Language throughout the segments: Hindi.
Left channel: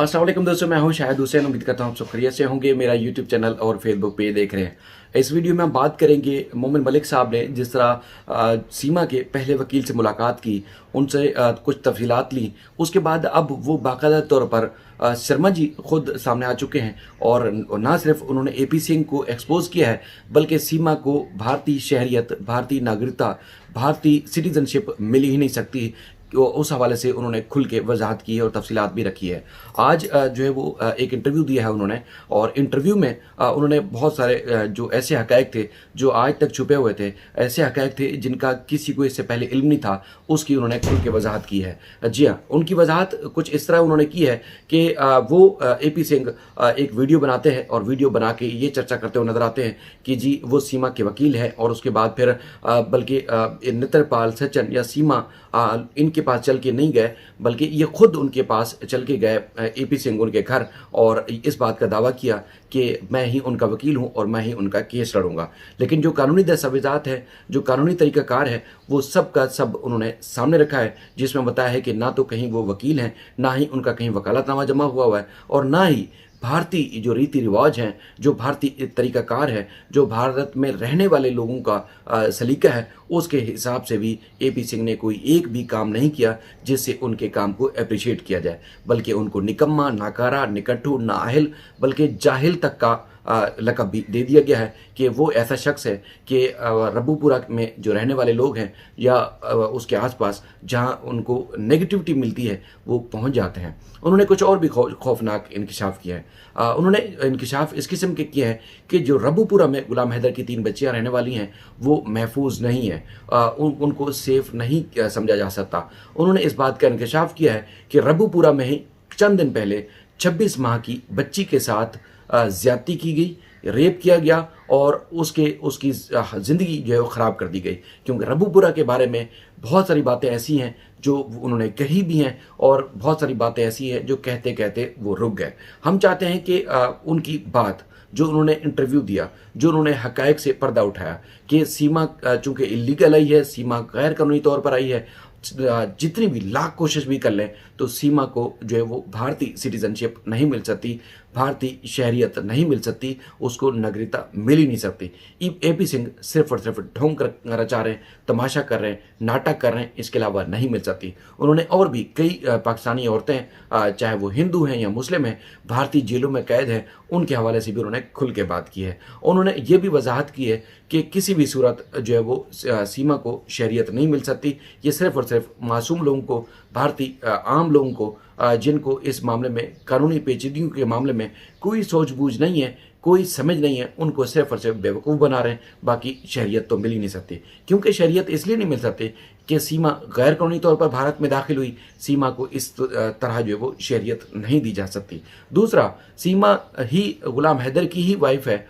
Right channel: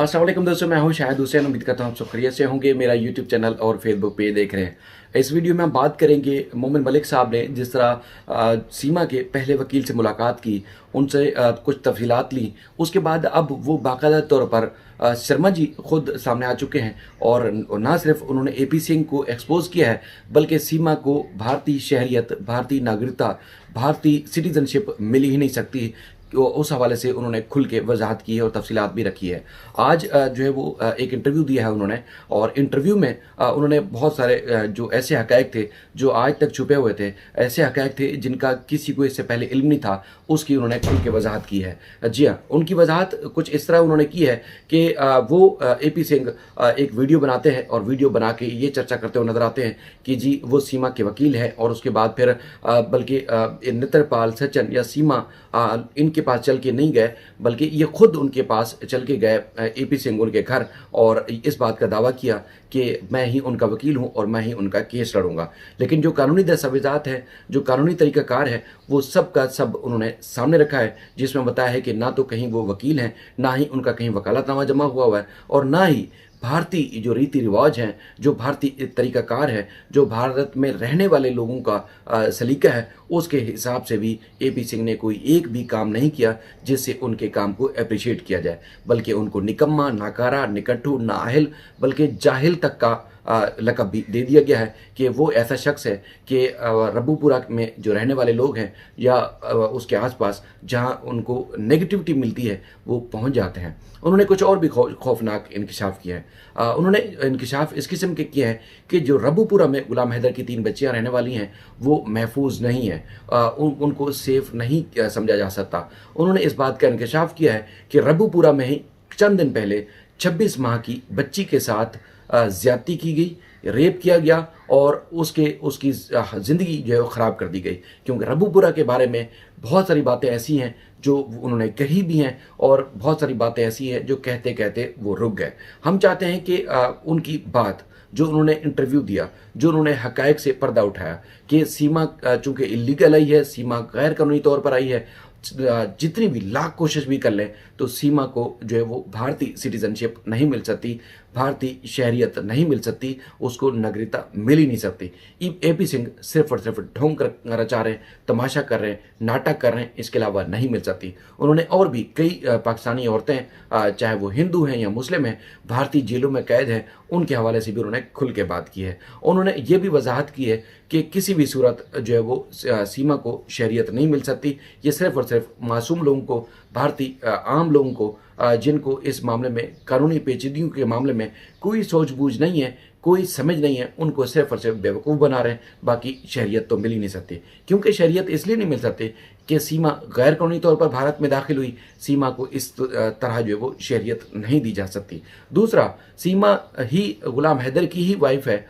अस्सलाम वालेकुम दोस्तों, मैं हूं शायद हुसैन। उम्मीद करता हूं आप सब खैरियत से होंगे। मेरा यूट्यूब चैनल और फेसबुक पेज देख रहे हैं। इस वीडियो में हम बात करेंगे मोमिन मलिक साहब ने जिस तरह सीमा के पहले वकील से मुलाकात की, उनसे कुछ तफसीलात ली। उसके बाद अब वो बाकायदा तौर पर शर्मा जी खुद सामने आ चुके हैं और ना सिर्फ उन्होंने एपी सिंह को एक्सपोज किया है, बल्कि सीमा को भारतीय शहरियत, भारतीय नागरिकता, भारतीय सिटीजनशिप मिल ही नहीं सकती। तो उस हवाले से उन्होंने खुल के वजाहत की है और तफसीलात भी रखी है। आज जो है वो एक इंटरव्यू दिया है उन्होंने, और इंटरव्यू में उन्होंने बहुत सारे जो ऐसे हकायक थे जो आज तक छुपे हुए थे, ऐसे हकायक थे जिनका किसी को इससे पहले इल्म नहीं था, उसकी उन्होंने खुल के वजाहत की है। जी हाँ, उनकी वजाहत कुछ इस तरह उन्होंने की है कि वो एपी सिंह एक वीडियो बनाते हैं और वीडियो बना के ये चर्चा करते हुए नजर आते हैं कि जी वो सीमा के वकील हैं, और उसके बाद फिर बल्कि नेत्रपाल, सचिन या सीमा इनके पास चल के नहीं गए, बल्कि ये खुद उनके पास चल के गए एपी सिंह उनके घर, और इस बात का दावा किया कि मैं ही उनका वकील हूं और मैं ही उनका केस लड़ूंगा। लेकिन जो कानूनी दस्तावेजात है, जो कानूनी तरीकाकार है, वो सब का सब उन्होंने सामने रखा है, जिसमें बताया है कि ना तो कहीं वो वकील हैं, ना ही उनका कहीं वकालतनामा जमा हुआ है, और ना ही भारतीय जो रीति रिवाज हैं, जो भारतीय तरीकाकार है, जो भारत में रहने वाले लोगों का सलीका है, उसके हिसाब से भी एपी सिंह ने कोई एक भी काम नहीं किया जिससे उनके काम को अप्रिशिएट किया जाए, बल्कि उनको निकम्मा, नाकारा, निकट्ठू, नाअहल, बल्कि जाहिल तक का लक़ब भी दे दिया गया है कि वो ऐसा शख्स है कि रब्बूपुरा में जो रहने वाले लोग हैं या उसके आसपास जहां उनको नेगेटिविटी मिलती है वो पहुंच जाते हैं। उन्होंने कुछ और भी खौफनाक इंकशाफ किया है। उन्होंने इंकशाफ इस किस्म के किए हैं कि जो रब्बूपुरा में गुलाम हैदर की 3 बच्चियां रहने वाली हैं वो महफूज नहीं है, उनको सेफ नहीं समझा जा सकता। उन्होंने इस बात का इंकशाफ किया है कि रब्बूपुरा में ही चंद दिन पहले 26 माह की बच्ची के साथ ज्यादती की गई, रेप किया गया, और उसकी ज़िंदगी जो है वो ख़राब कर दी गई। क्योंकि रब्बूपुरा के बारे में बहुत सारी बातें ऐसी हैं जो उन्होंने कही भी हैं, और बहुत सारी बातें ऐसी हैं जो कहते कहते वो रुक गए। हम चाहते हैं कि उनकी बात जो उन्होंने इंटरव्यू दिया, जो उन्होंने हकायक से पर्दा उठाया कि सीमा चूँकि इलीगल आई है, सीमा गैर कानूनी तौर पर आई है, जितनी भी लाख कोशिश भी कर लें तो सीमा को जो है वो भारतीय सिटीजनशिप नहीं मिल सकती, भारतीय शहरियत नहीं मिल सकती, उसको नागरिकता मिल ही नहीं सकती। एपी सिंह सिर्फ और सिर्फ ढोंग रचा रहे हैं, तमाशा कर रहे हैं, नाटक कर रहे हैं, इसके अलावा नहीं मिल सकती। उन्होंने और भी कई पाकिस्तानी औरतें, चाहे वो हिंदू हैं या मुस्लिम हैं, भारतीय जेलों में कैद हैं, उनके हवाले से भी उन्होंने खुल के बात की है। उन्होंने ये भी वजाहत की है कि किसी भी सूरत जो है वो सीमा को शहरियत नहीं मिल सकती। ये सिर्फ और सिर्फ मासूम लोगों को, भारतीय आम लोगों को, जिनको इस मामले में कानूनी पेचीदगियों के मामले में कोई सूझबूझ नहीं है, कोई समझ नहीं है, उनको सिर्फ और सिर्फ बेवकूफ़ बना रहे हैं। बाकी शहरियत तो मिल ही नहीं सकती, क्योंकि शहरियत इसलिए नहीं मिल सकती कि सीमा गैर कानूनी तौर पर भारत में दाखिल हुई। सीमा को इस तरह जो है वो शहरियत नहीं दी जा सकती। दूसरा, सीमा ही गुलाम हैदर की ही वाइफ है।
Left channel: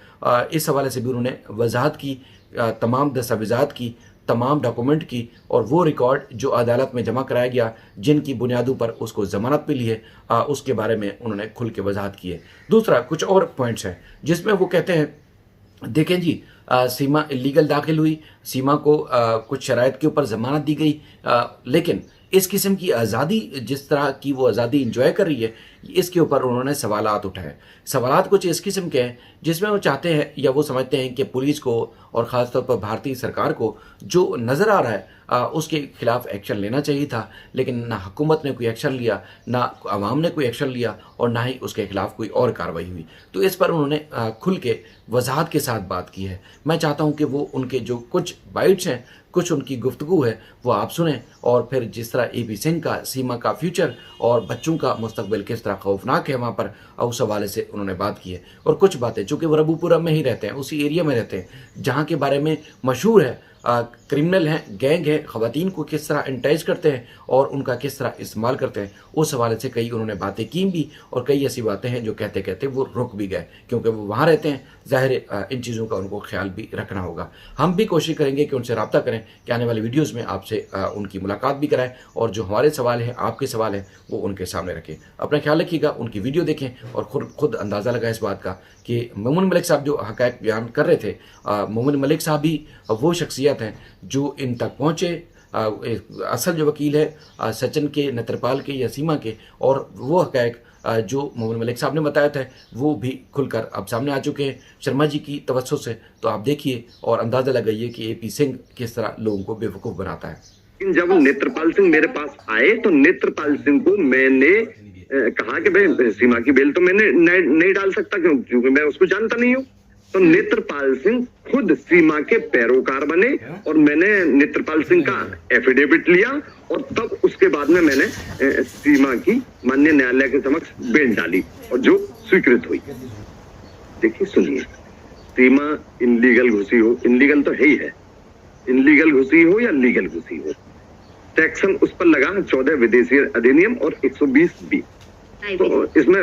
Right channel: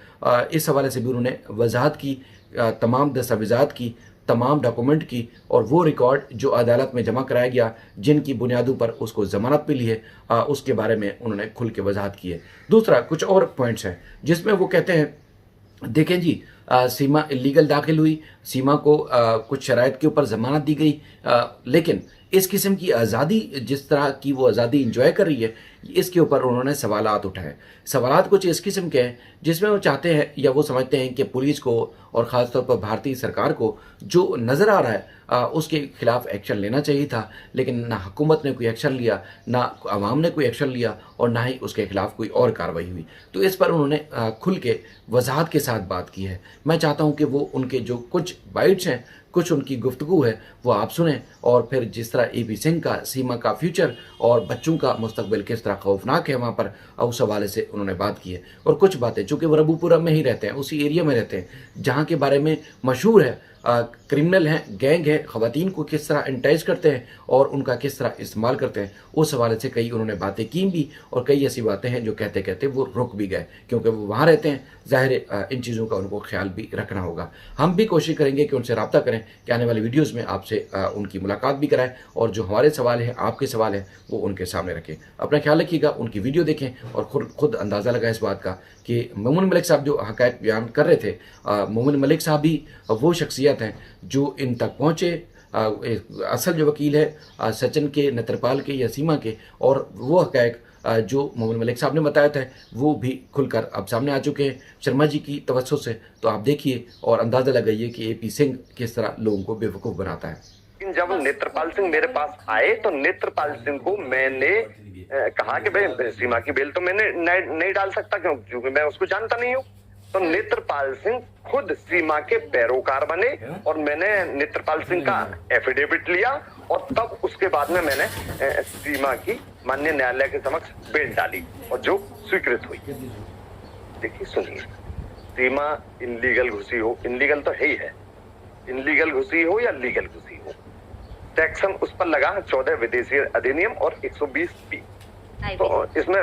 इस हवाले से भी उन्होंने वजाहत की, तमाम दस्तावेजात की, तमाम डॉक्यूमेंट की, और वो रिकॉर्ड जो अदालत में जमा कराया गया, जिनकी बुनियादों पर उसको ज़मानत मिली है, उसके बारे में उन्होंने खुल के वजाहत की है। दूसरा, कुछ और पॉइंट्स हैं जिसमें वो कहते हैं देखें जी, सीमा इलीगल दाखिल हुई, सीमा को कुछ शराइत के ऊपर ज़मानत दी गई, लेकिन इस किस्म की आज़ादी, जिस तरह की वो आज़ादी इंजॉय कर रही है, इसके ऊपर उन्होंने सवालात उठाए। सवालात कुछ इस किस्म के हैं जिसमें वो चाहते हैं या वो समझते हैं कि पुलिस को और ख़ासतौर पर भारतीय सरकार को जो नज़र आ रहा है उसके खिलाफ एक्शन लेना चाहिए था, लेकिन ना हुकूमत ने कोई एक्शन लिया, ना आवाम ने कोई एक्शन लिया, और ना ही उसके खिलाफ कोई और कार्रवाई हुई। तो इस पर उन्होंने खुल के वजाहत के साथ बात की है। मैं चाहता हूँ कि वो उनके जो कुछ बाइट्स हैं, कुछ उनकी गुफ्तगू है, वो आप सुनें, और फिर जिस तरह एपी सिंह का, सीमा का फ्यूचर और बच्चों का मुस्तकबिल किस तरह खौफनाक है वहाँ पर, उस हवाले से उन्होंने बात की है। और कुछ बातें, चूँकि वो रब्बूपुरा में ही रहते हैं, उसी एरिया में रहते हैं जहाँ के बारे में मशहूर है, क्रिमिनल हैं, गैंग है, ख़वातीन को किस तरह एंटाइज करते हैं और उनका किस तरह इस्तेमाल करते हैं, उस हवाले से कई उन्होंने बातें की भी, और कई ऐसी बातें हैं जो कहते कहते वो रुक भी गए, क्योंकि वो वहाँ रहते हैं। ज़ाहिर इन चीज़ों का उनको ख्याल भी रखना होगा। हम भी कोशिश करेंगे कि उनसे रब्ता करें कि आने वाली वीडियोज़ में आपसे उनकी मुलाकात भी कराएं, और जो हमारे सवाल हैं, आपके सवाल हैं, वो उनके सामने रखें। अपना ख्याल रखिएगा, उनकी वीडियो देखें और खुद अंदाज़ा लगाएं इस बात का कि मोमिन मलिक साहब जो हक़ाइक़ बयान कर रहे थे, मोमिन मलिक साहब भी वो शख्सियत हैं जो इन तक पहुँचे। असल जो वकील है सचिन के, नेत्रपाल के या सीमा के, और वो हक़ाइक़ जो मोमिन मलिक साहब ने बताया था वो भी खुलकर अब सामने आ चुके हैं शर्मा जी की तवज्जो से। तो आप देखिए और अंदाज़ा लगाइए कि AP सिंह किस तरह लोगों को बेवकूफ़ बनाता है। लेकिन जब नेत्रपाल सिंह मेरे पास आए तो नेत्रपाल सिंह को मैंने कहा कि भाई सीमा की बेल तो मैंने नहीं डाल सकता, क्योंकि मैं उसको जानता नहीं हूँ। तो नेत्रपाल सिंह खुद सीमा के पैरोकार बने और मैंने नेत्रपाल सिंह का एफिडेविट लिया और तब उसके बाद में मैंने सीमा की माननीय न्यायालय के समक्ष बेल डाली और जो स्वीकृत हुई। देखिए सुनिए, सीमा इनलीगल घुसी हो, इनलीगल तो है ही है, इनलीगल घुसी हो या लीगल घुसी हो, सेक्शन उस पर लगा 14 विदेशी अधिनियम और 120B। तो इसमें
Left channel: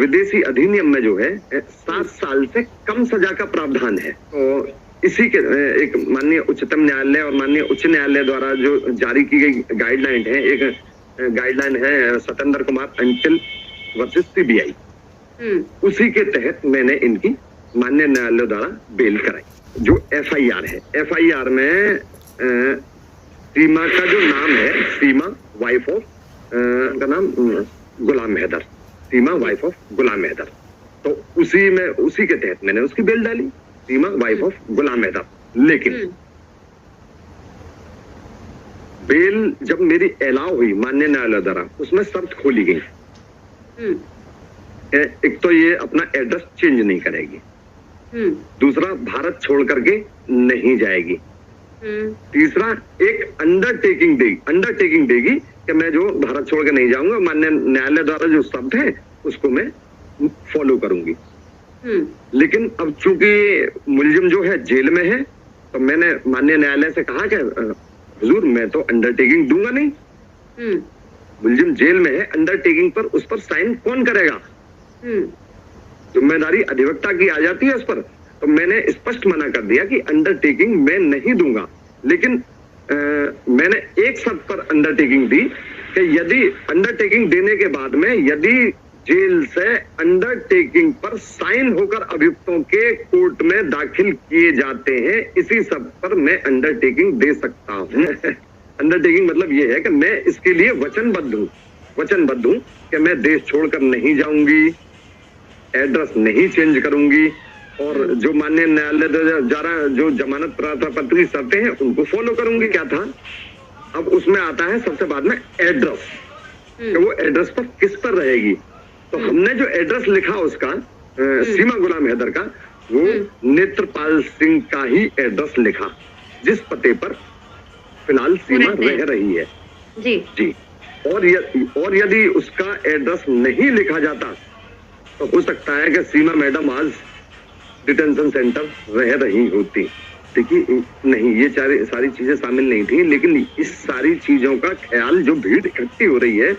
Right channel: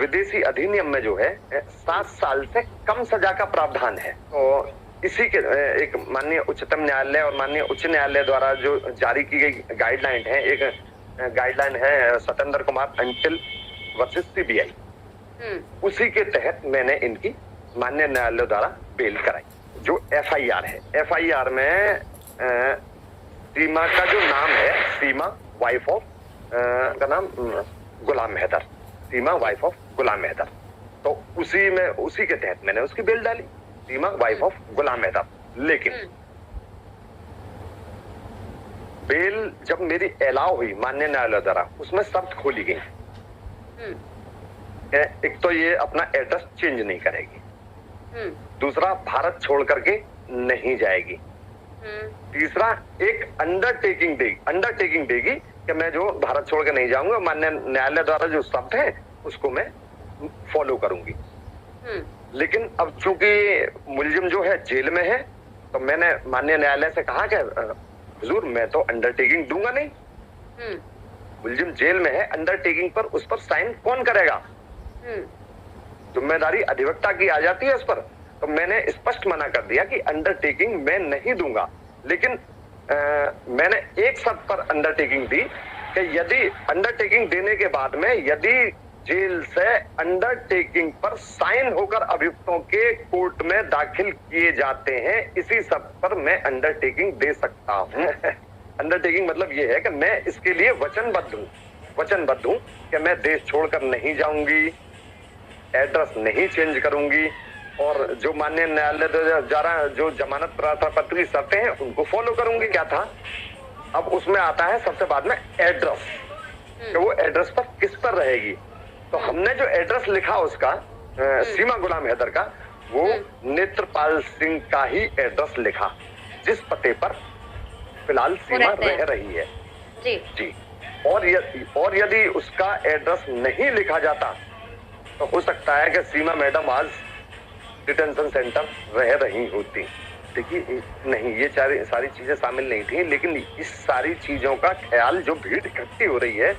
विदेशी अधिनियम में जो है 7 साल से कम सजा का प्रावधान है। तो इसी के एक माननीय उच्चतम न्यायालय और माननीय उच्च न्यायालय द्वारा जो जारी की गई गाइडलाइन है, एक गाइडलाइन है Satendra Kumar until versus CBI, उसी के तहत मैंने इनकी माननीय न्यायालय द्वारा बेल कराई। जो FIR है, FIR में सीमा का जो नाम है, सीमा वाइफ ऑफ का नाम गुलाम हैदर, सीमा वाइफ ऑफ गुलाम हैदर। तो उसी के तहत मैंने उसकी बेल डाली, सीमा वाइफ ऑफ गुलाम हैदर। लेकिन बेल जब मेरी अलाउ हुई माननीय न्यायालय द्वारा, उसमें शर्त खोली गई। एक तो ये अपना एड्रेस चेंज नहीं करेगी, दूसरा भारत छोड़ करके नहीं जाएगी, तीसरा एक अंडरटेकिंग देगी कि मैं जो भारत छोड़ के नहीं जाऊंगा, माननीय न्यायालय द्वारा जो शब्द है उसको मैं फॉलो करूंगी। लेकिन अब चूंकि मुलजिम जो है जेल में है, तो मैंने माननीय न्यायालय से कहा कि हुजूर मैं तो अंडरटेकिंग दूंगा नहीं, मुलजिम जेल में है, अंडरटेकिंग पर उस पर साइन कौन करेगा? जिम्मेदारी अधिवक्ता की आ जाती है उस पर। तो मैंने स्पष्ट मना कर दिया कि अंडरटेकिंग मैं नहीं दूंगा। लेकिन मैंने एक शर्त पर अंडरटेकिंग दी कि यदि अंडरटेकिंग देने के बाद में यदि जेल से अंडरटेकिंग पर साइन होकर अभियुक्तों के कोर्ट में दाखिल किए जाते हैं, इसी शर्त पर मैं अंडरटेकिंग दे सकता हूं। अंडरटेकिंग मतलब यह है कि मैं इसके लिए वचनबद्ध हूं कि मैं देश छोड़कर नहीं जाऊंगी, एड्रेस नहीं चेंज करूंगी और जो माननीय न्यायालय द्वारा जो जमानत पत्र की शर्तें हैं उनको फॉलो करूंगी। क्या था, अब उसमें आता है सबसे बाद में एड्रेस, कि वो एड्रेस पर किस पर रहेगी। तो हमने जो एड्रेस लिखा उसका सीमा गुलाम हैदर का, वो नेत्रपाल सिंह का ही एड्रेस लिखा, जिस पते पर फिलहाल सीमा रह रही है। जी। और यदि उसका एड्रेस नहीं लिखा जाता तो हो सकता है कि सीमा मैडम आज डिटेंशन सेंटर रह रही होती। देखिए नहीं, ये सारी चीजें शामिल नहीं थी, लेकिन इस सारी चीजों का ख्याल, जो भीड़ इकट्ठी हो रही है,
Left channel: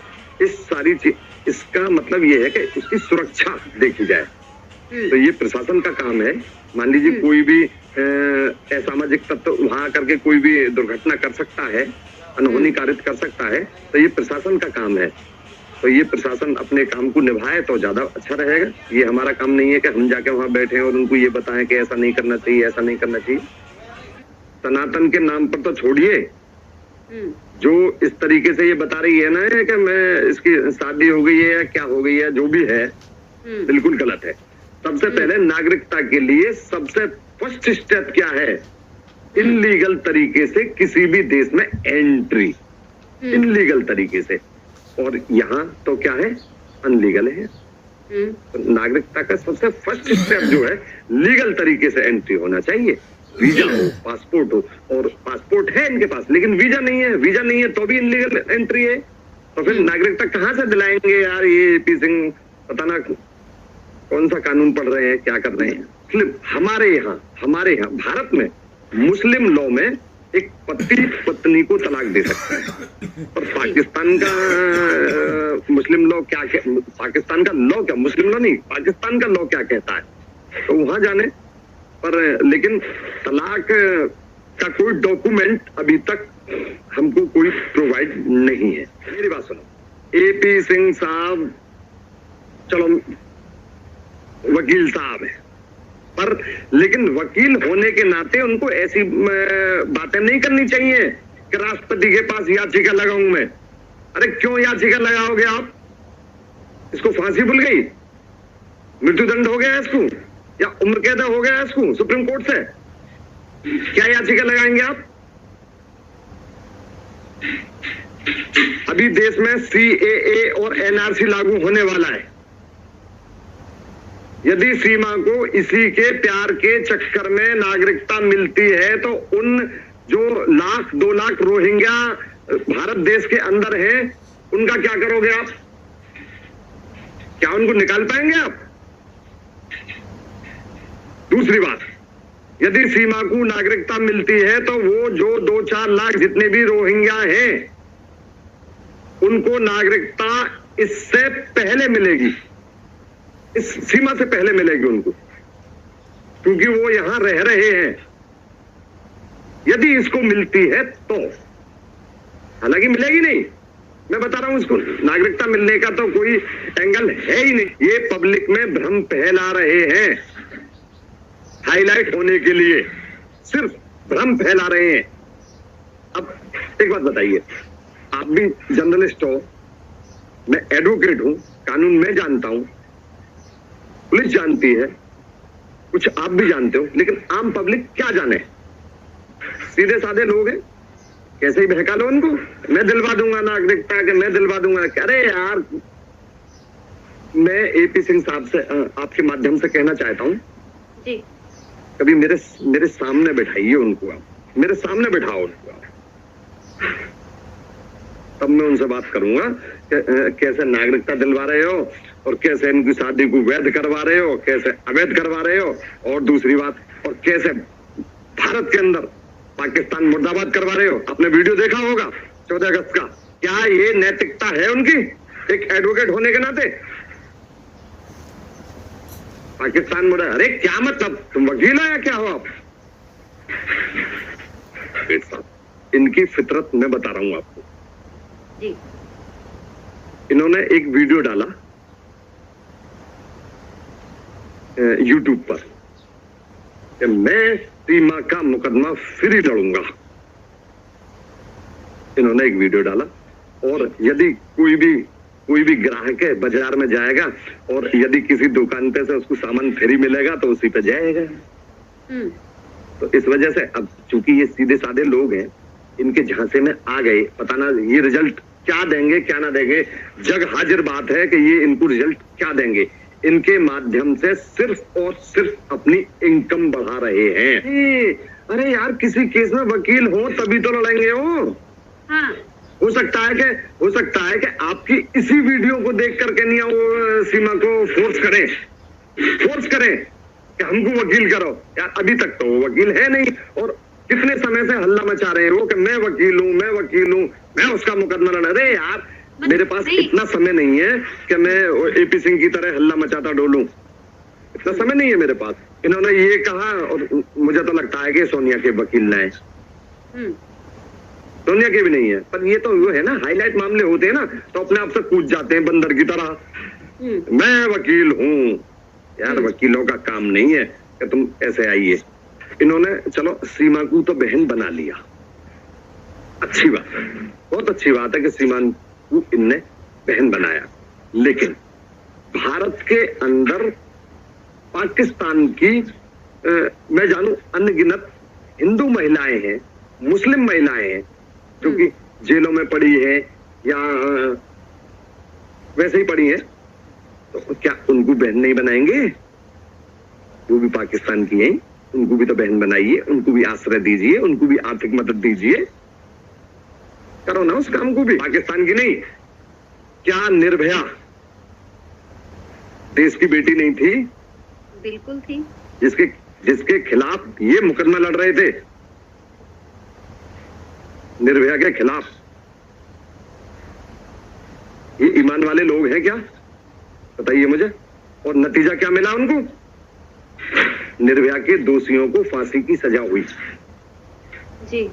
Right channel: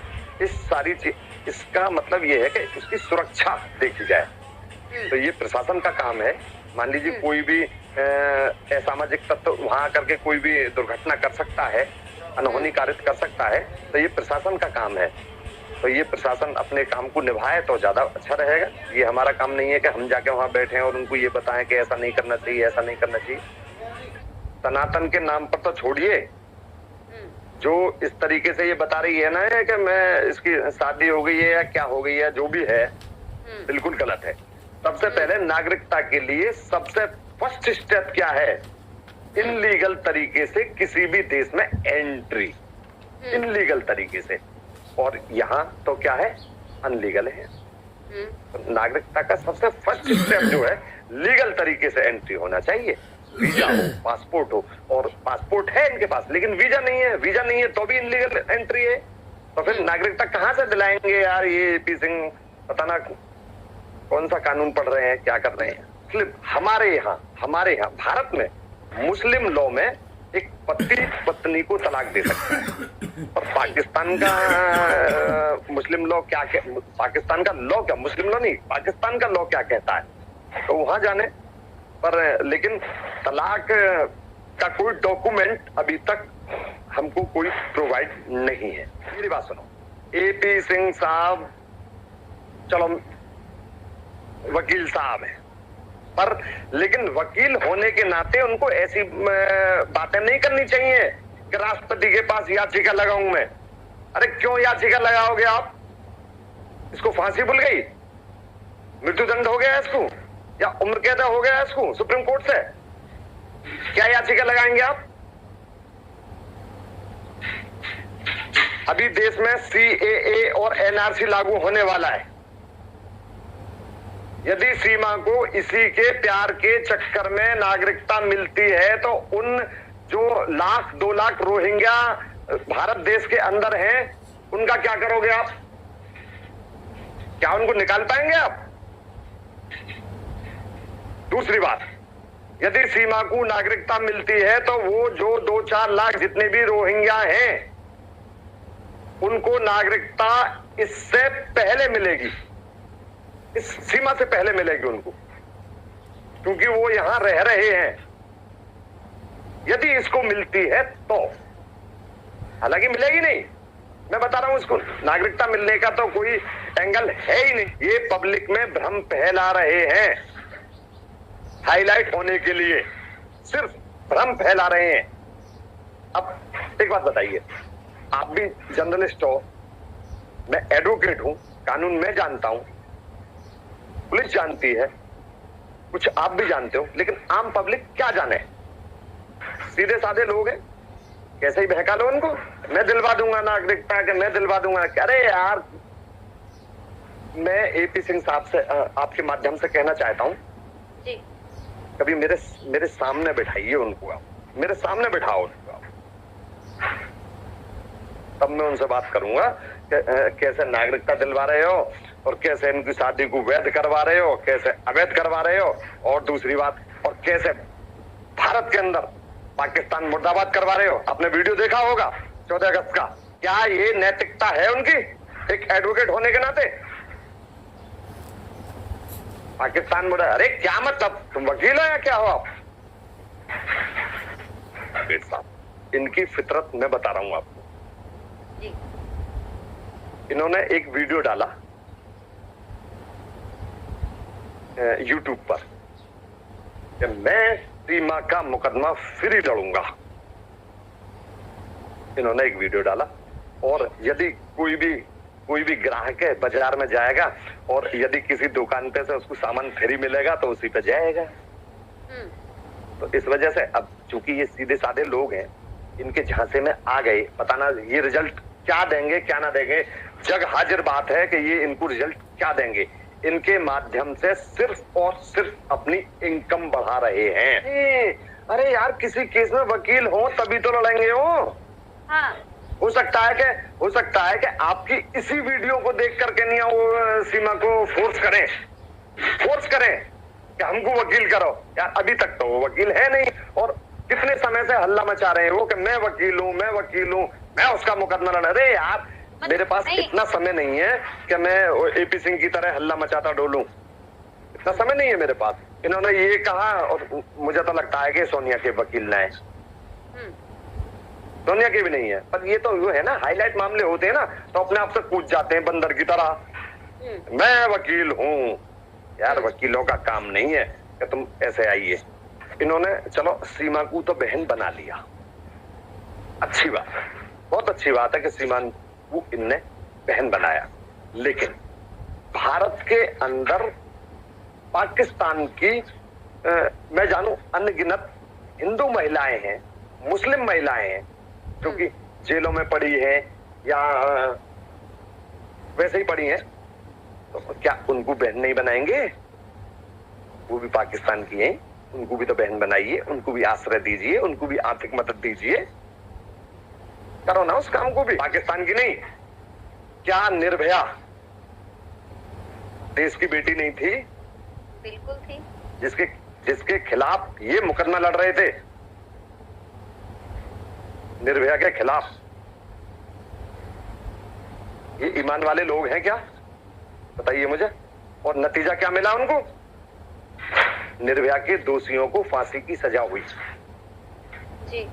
इसका मतलब ये है कि उसकी सुरक्षा देखी जाए। तो ये प्रशासन का काम है। मान लीजिए कोई भी असामाजिक तत्व वहां आकर के कोई भी दुर्घटना कर सकता है, अनहोनी कारित कर सकता है, तो ये प्रशासन का काम है। तो ये प्रशासन अपने काम को निभाए तो ज्यादा अच्छा रहेगा। ये हमारा काम नहीं है कि हम जाके वहां बैठे और उनको ये बताएं कि ऐसा नहीं करना चाहिए, ऐसा नहीं करना चाहिए। सनातन के नाम पर तो छोड़िए, जो इस तरीके से ये बता रही है ना कि मैं इसकी शादी हो गई है या क्या हो गई है, जो भी है बिल्कुल गलत है। सबसे पहले नागरिकता के लिए सबसे फर्स्ट स्टेप क्या है? इनलीगल तरीके से किसी भी देश में एंट्री, इनलीगल तरीके से। और यहाँ तो क्या है, अनलीगल है। तो नागरिकता का सबसे फर्स्ट स्टेप जो है, लीगल तरीके से एंट्री होना चाहिए। वीजा हो, पासपोर्ट हो, और पासपोर्ट है इनके पास लेकिन वीजा नहीं है, वीजा नहीं है तो भी इनलीगल एंट्री है। तो फिर नागरिकता कहाँ से दिलाएंगे यार? ये AP सिंह पता ना कौन सा कानून पढ़ रहे हैं, क्या कर रहे हैं। हमारे यहाँ भारत में मुस्लिम लॉ में एक पति पत्नी को तलाक दे सकता है, और पाकिस्तान का मुस्लिम लॉ क्या, पाकिस्तान का लॉ क्या, मुस्लिम लॉ नहीं, पाकिस्तान का लॉ क्या कहता है, तो वहां जाने। पर लेकिन तलाक का कोई डॉक्यूमेंट अभी तक हमको कोई प्रोवाइड नहीं है। मेरी बात सुनो, AP सिंह साहब चलो वकील साहब है, पर लेकिन वकील होने के नाते उनको ऐसी बातें नहीं करनी चाहिए कि राष्ट्रपति के पास याचिका लगाऊं मैं। अरे क्यों याचिका लगाओगे आप? इसको फांसी भूल गई, मृत्युदंड हो गया इसको, या उम्र कैद हो गया इसको सुप्रीम कोर्ट से, क्या याचिका लगाएंगे आप? अभी देश में CAA और NRC लागू होने वाला है। यदि सीमा को इसी के प्यार के चक्कर में नागरिकता मिलती है तो उन जो 1-2 लाख रोहिंग्या भारत देश के अंदर हैं, उनका क्या करोगे आप? क्या उनको निकाल पाएंगे आप? दूसरी बात, यदि सीमा को नागरिकता मिलती है तो वो जो 2-4 लाख जितने भी रोहिंग्या हैं, उनको नागरिकता इससे पहले मिलेगी, इस सीमा से पहले मिलेगी उनको, क्योंकि वो यहां रह रहे हैं। यदि इसको मिलती है तो, हालांकि मिलेगी नहीं, मैं बता रहा हूं, इसको नागरिकता मिलने का तो कोई एंगल है ही नहीं। ये पब्लिक में भ्रम फैला रहे हैं, हाईलाइट होने के लिए सिर्फ भ्रम फैला रहे हैं। अब एक बात बताइए, आप भी जर्नलिस्ट हो, मैं एडवोकेट हूं, कानून में जानता हूं, पुलिस जानती है, कुछ आप भी जानते हो, लेकिन आम पब्लिक क्या जाने? सीधे साधे लोग हैं, कैसे ही बहका लो उनको, मैं दिलवा दूंगा नागरिकता के, मैं दिलवा दूंगा। अरे यार, मैं AP सिंह साहब से आपके माध्यम से कहना चाहता हूं, कभी मेरे सामने बैठाइए उनको, आप मेरे सामने बिठाओ उनको, तब मैं उनसे बात करूंगा कैसे नागरिकता दिलवा रहे हो और कैसे इनकी शादी को वैध करवा रहे हो, कैसे अवैध करवा रहे हो, और दूसरी बात, और कैसे भारत के अंदर पाकिस्तान मुर्दाबाद करवा रहे हो। आपने वीडियो देखा होगा 14 अगस्त का। क्या ये नैतिकता है उनकी एक एडवोकेट होने के नाते? पाकिस्तान मुर्दा, अरे क्या मतलब, तुम वकील हो या क्या हो आप? इनकी फितरत मैं बता रहा हूं आपको। इन्होंने एक वीडियो डाला YouTube पर कि मैं सीमा का मुकदमा फिर ही लड़ूंगा। इन्होंने एक वीडियो डाला, और यदि कोई भी ग्राहक है बाजार में जाएगा और यदि किसी दुकान पे से उसको सामान फ्री मिलेगा तो उसी पे जाएगा। तो इस वजह से अब चूंकि ये सीधे साधे लोग हैं, इनके झांसे में आ गए, पता ना ये रिजल्ट क्या देंगे क्या ना देंगे। जग हाजिर बात है कि ये इनको रिजल्ट क्या देंगे। इनके माध्यम से सिर्फ और सिर्फ अपनी इनकम बढ़ा रहे हैं। अरे यार, किसी केस में वकील हो तभी तो लड़ेंगे हो। हाँ। हो सकता है कि आपकी इसी वीडियो को देख करके नहीं वो सीमा को फोर्स करें कि हमको वकील करो। यार अभी तक तो वो वकील है नहीं, और कितने समय से हल्ला मचा रहे हो कि मैं वकील हूँ, मैं उसका मुकदमा लड़। अरे यार, मेरे पास इतना समय नहीं है कि मैं AP सिंह की तरह हल्ला मचाता डोलूं, इतना समय नहीं है मेरे पास। इन्होंने ये कहा, और मुझे तो लगता है कि सोनिया के वकील न है, सोनिया के भी नहीं है, पर ये तो वो है ना, हाईलाइट मामले होते हैं ना तो अपने आप से कूद जाते हैं बंदर की तरह, मैं वकील हूँ। यार वकीलों का काम नहीं है कि तुम ऐसे आइए। इन्होंने चलो सीमा को तो बहन बना लिया, अच्छी बात, बहुत अच्छी बात है कि सीमा को इनने बहन बनाया, लेकिन भारत के अंदर पाकिस्तान की मैं जानू अनगिनत हिंदू महिलाएं हैं, मुस्लिम महिलाएं हैं जो कि जेलों में पड़ी हैं या वैसे ही पड़ी हैं, तो क्या उनको बहन नहीं बनाएंगे? वो भी पाकिस्तान की हैं, उनको भी तो बहन बनाइए, उनको भी आश्रय दीजिए, उनको भी आर्थिक मदद दीजिए, करो ना उस काम को भी। पाकिस्तान की नहीं, क्या निर्भया देश की बेटी नहीं थी? बिल्कुल थी। जिसके खिलाफ ये मुकदमा लड़ रहे थे, निर्भया के खिलाफ। ये ईमान वाले लोग हैं क्या, बताइए मुझे। और नतीजा क्या मिला उनको? निर्भया के दोषियों को फांसी की सजा हुई। जी।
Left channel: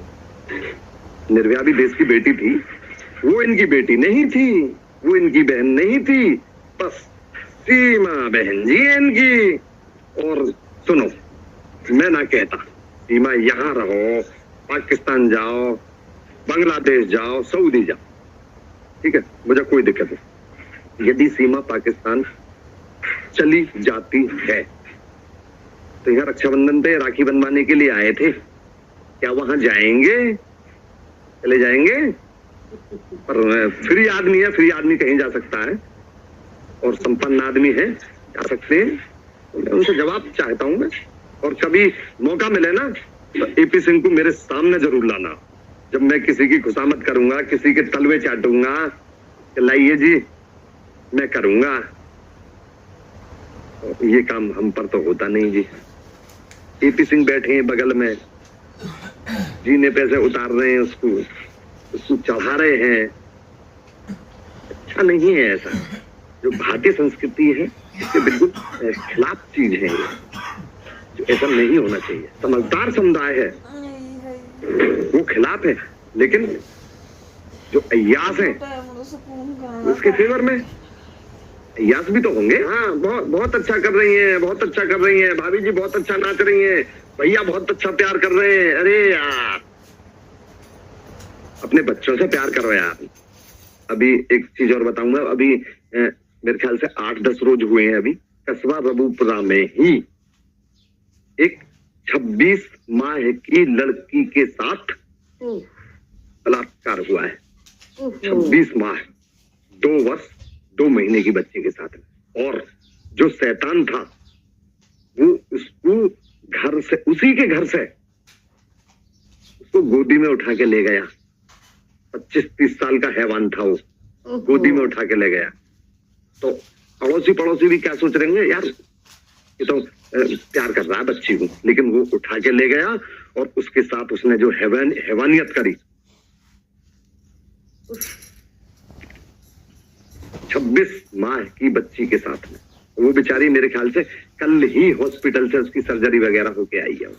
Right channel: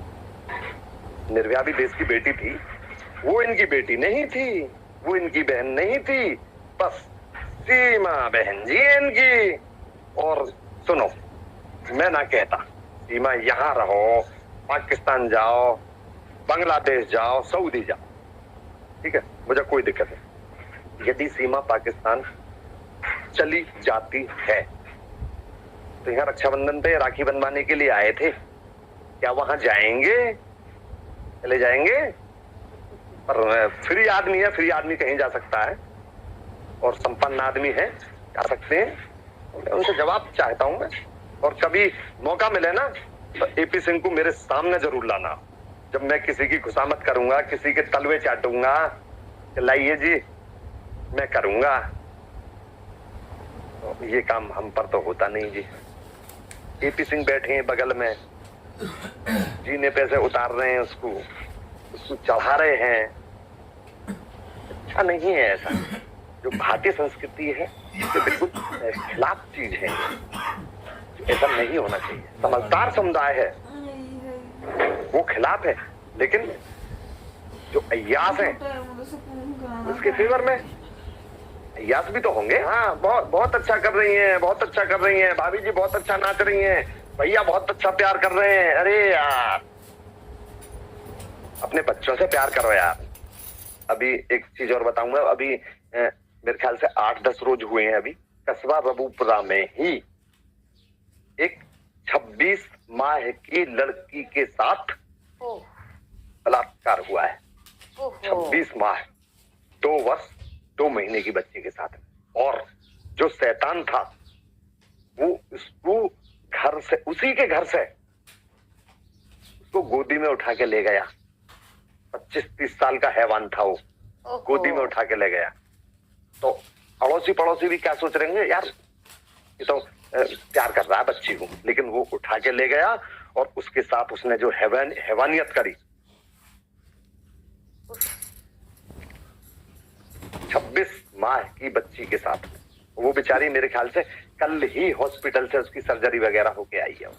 निर्भया भी देश की बेटी थी, वो इनकी बेटी नहीं थी, वो इनकी बहन नहीं थी, बस सीमा बहन जी इनकी। और सुनो, मैं ना कहता सीमा यहां रहो, पाकिस्तान जाओ, बांग्लादेश जाओ, सऊदी जाओ, ठीक है, मुझे कोई दिक्कत नहीं, यदि सीमा पाकिस्तान चली जाती है तो यहाँ रक्षाबंधन पे राखी बनवाने के लिए आए थे, क्या वहां जाएंगे? चले जाएंगे? पर फ्री आदमी है, फ्री आदमी कहीं जा सकता है और संपन्न आदमी है, जा सकते हैं। मैं उनसे जवाब चाहता हूं मैं, और कभी मौका मिले ना तो एपी सिंह को मेरे सामने जरूर लाना, जब मैं किसी की खुशामद करूंगा, किसी के तलवे चाटूंगा, लाइए जी मैं करूंगा। तो ये काम हम पर तो होता नहीं जी। एपी सिंह बैठे हैं बगल में, जीने पैसे उतार रहे हैं, उसको चढ़ा रहे हैं। अच्छा नहीं है ऐसा। जो भारतीय संस्कृति है इसके बिल्कुल खिलाफ चीज है, जो ऐसा नहीं होना चाहिए। समझदार समुदाय है वो खिलाफ है, लेकिन जो अय्यास है उसके फेवर में। अय्यास भी तो होंगे। हाँ, बहुत अच्छा कर रही हैं, बहुत अच्छा कर रही हैं भाभी जी, बहुत अच्छा नाच रही हैं, भैया बहुत अच्छा प्यार कर रहे हैं। अरे यार, अपने बच्चों से प्यार करो यार। अभी एक चीज और बताऊंगा, अभी मेरे ख्याल से 8-10 रोज हुए हैं, अभी कस्बा रबूपुरा में ही एक 26 माह की लड़की के साथ बलात्कार हुआ है। 26 माह, 2 वर्ष 2 महीने की बच्ची के साथ। और जो शैतान था वो उसको घर से, उसी के घर से उसको गोदी में उठा के ले गया। 25-30 साल का हैवान था वो, गोदी में उठा के ले गया। तो अड़ोसी पड़ोसी भी क्या सोच रहे हैं, यार ये तो प्यार कर रहा है बच्ची को, लेकिन वो उठा के ले गया और उसके साथ उसने जो हैवानियत करी। 26 माह की बच्ची के साथ में। वो बेचारी मेरे ख्याल से कल ही हॉस्पिटल से उसकी सर्जरी वगैरह होके आई है।